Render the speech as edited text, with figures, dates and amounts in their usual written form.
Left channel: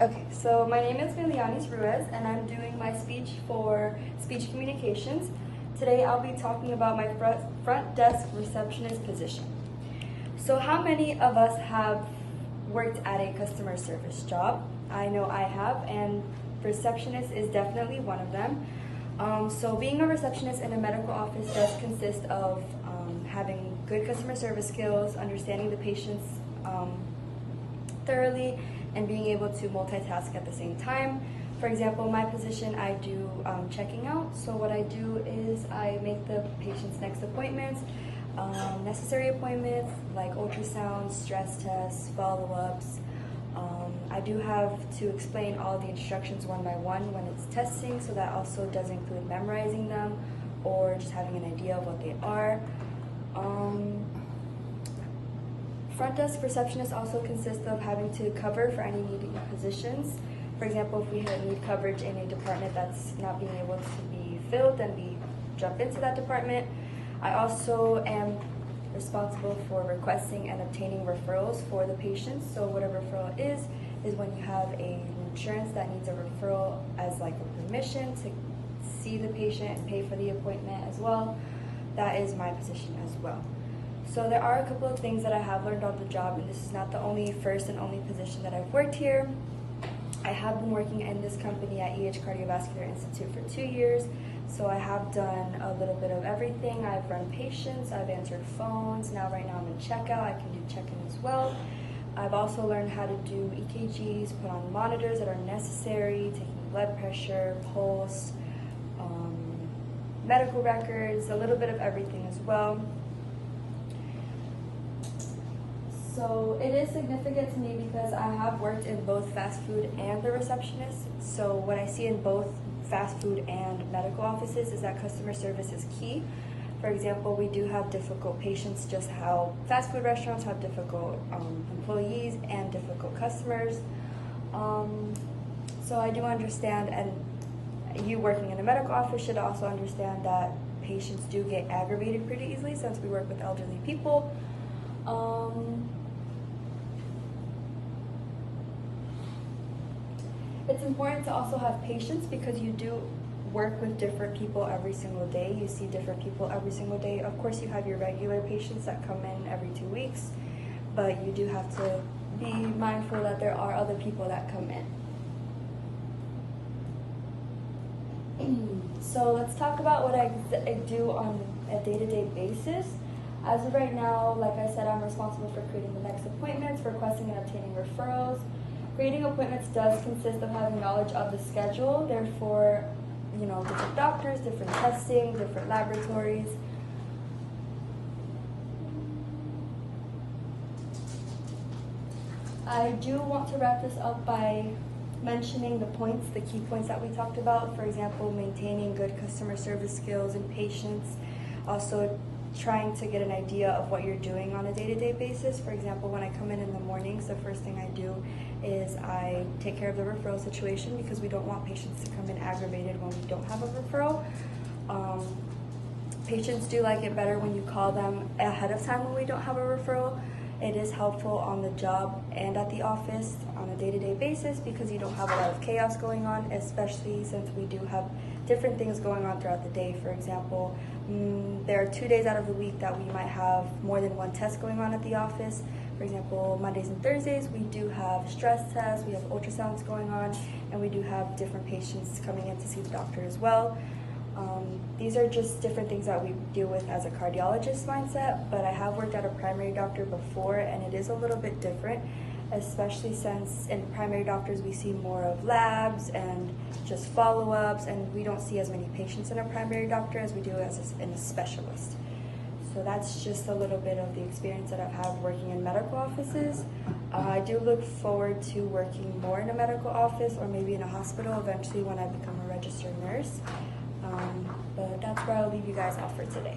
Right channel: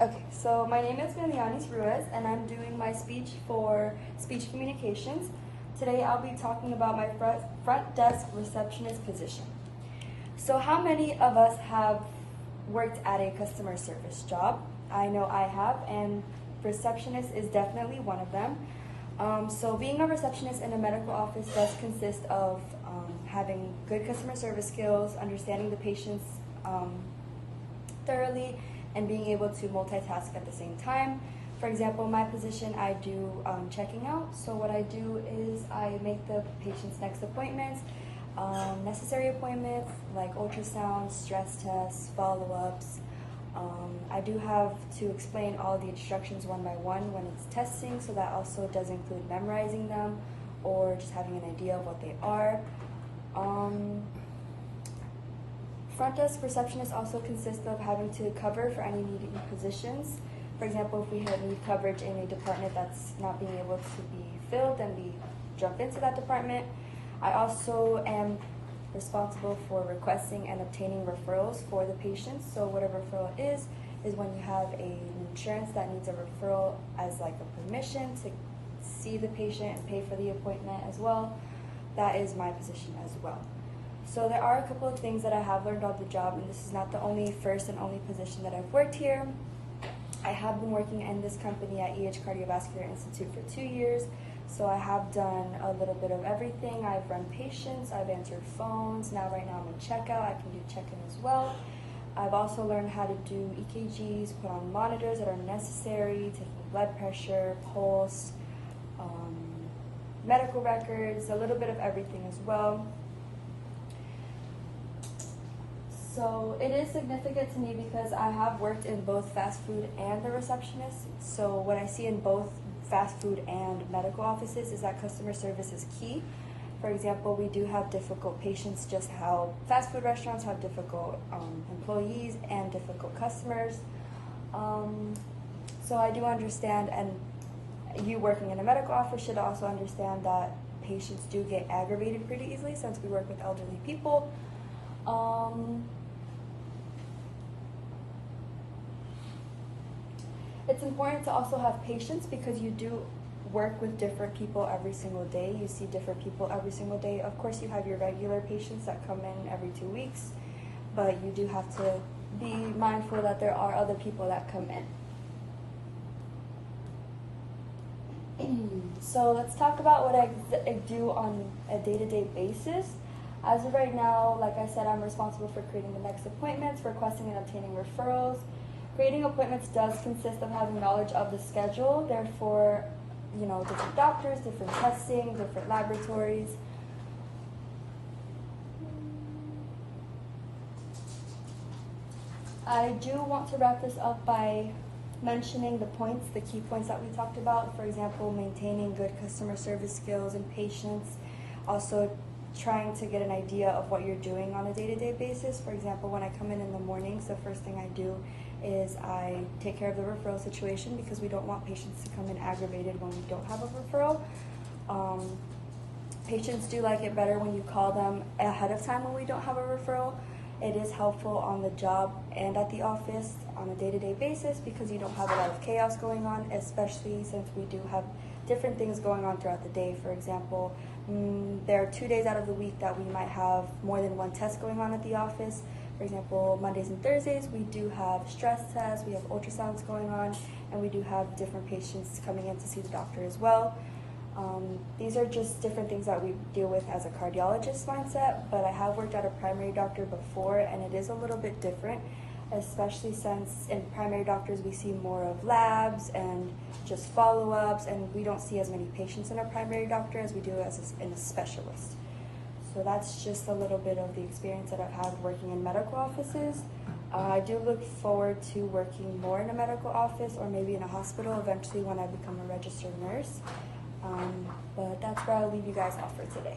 Okay, so my name is Milianis Ruiz, and I'm doing my speech for speech communications. Today I'll be talking about my front desk receptionist position. So how many of us have worked at a customer service job? I know I have, and receptionist is definitely one of them. So being a receptionist in a medical office does consist of having good customer service skills, understanding the patients thoroughly, and being able to multitask at the same time. For example, my position, I do checking out. So what I do is I make the patient's next appointments, necessary appointments like ultrasounds, stress tests, follow-ups. I do have to explain all the instructions one by one when it's testing, so that also does include memorizing them or just having an idea of what they are. Front desk receptionist also consists of having to cover for any needed positions. For example, if we need coverage in a department that's not being able to be filled, then we jump into that department. I also am responsible for requesting and obtaining referrals for the patients. So what a referral is when you have an insurance that needs a referral as like a permission to see the patient and pay for the appointment as well. That is my position as well. So there are a couple of things that I have learned on the job, and this is not the first and only position that I've worked here. I have been working in this company at EH Cardiovascular Institute for 2 years, so I have done a little bit of everything. I've run patients, I've answered phones, right now I'm in checkout, I can do check-in as well. I've also learned how to do EKGs, put on monitors that are necessary, taking blood pressure, pulse, medical records, a little bit of everything as well. So it is significant to me because I have worked in both fast food and the receptionist. So what I see in both fast food and medical offices is that customer service is key. For example, we do have difficult patients, just how fast food restaurants have difficult employees and difficult customers. So I do understand, and you working in a medical office should also understand that patients do get aggravated pretty easily since we work with elderly people. It's important to also have patience because you do work with different people every single day. You see different people every single day. Of course, you have your regular patients that come in every 2 weeks, but you do have to be mindful that there are other people that come in. So let's talk about what I do on a day-to-day basis. As of right now, like I said, I'm responsible for creating the next appointments, requesting and obtaining referrals. Creating appointments does consist of having knowledge of the schedule, therefore, different doctors, different testing, different laboratories. I do want to wrap this up by mentioning the key points that we talked about. For example, maintaining good customer service skills and patience. Also, trying to get an idea of what you're doing on a day-to-day basis. For example, when I come in the mornings, the first thing I do is I take care of the referral situation because we don't want patients to come in aggravated when we don't have a referral. Patients do like it better when you call them ahead of time when we don't have a referral. It is helpful on the job and at the office on a day-to-day basis because you don't have a lot of chaos going on, especially since we do have different things going on throughout the day. For example, there are 2 days out of the week that we might have more than one test going on at the office. For example, Mondays and Thursdays, we do have stress tests, we have ultrasounds going on, and we do have different patients coming in to see the doctor as well. These are just different things that we deal with as a cardiologist mindset, but I have worked at a primary doctor before, and it is a little bit different, especially since in primary doctors we see more of labs and just follow-ups, and we don't see as many patients in a primary doctor as we do in a specialist. So that's just a little bit of the experience that I've had working in medical offices. I do look forward to working more in a medical office or maybe in a hospital eventually when I become a registered nurse. But that's where I'll leave you guys off for today.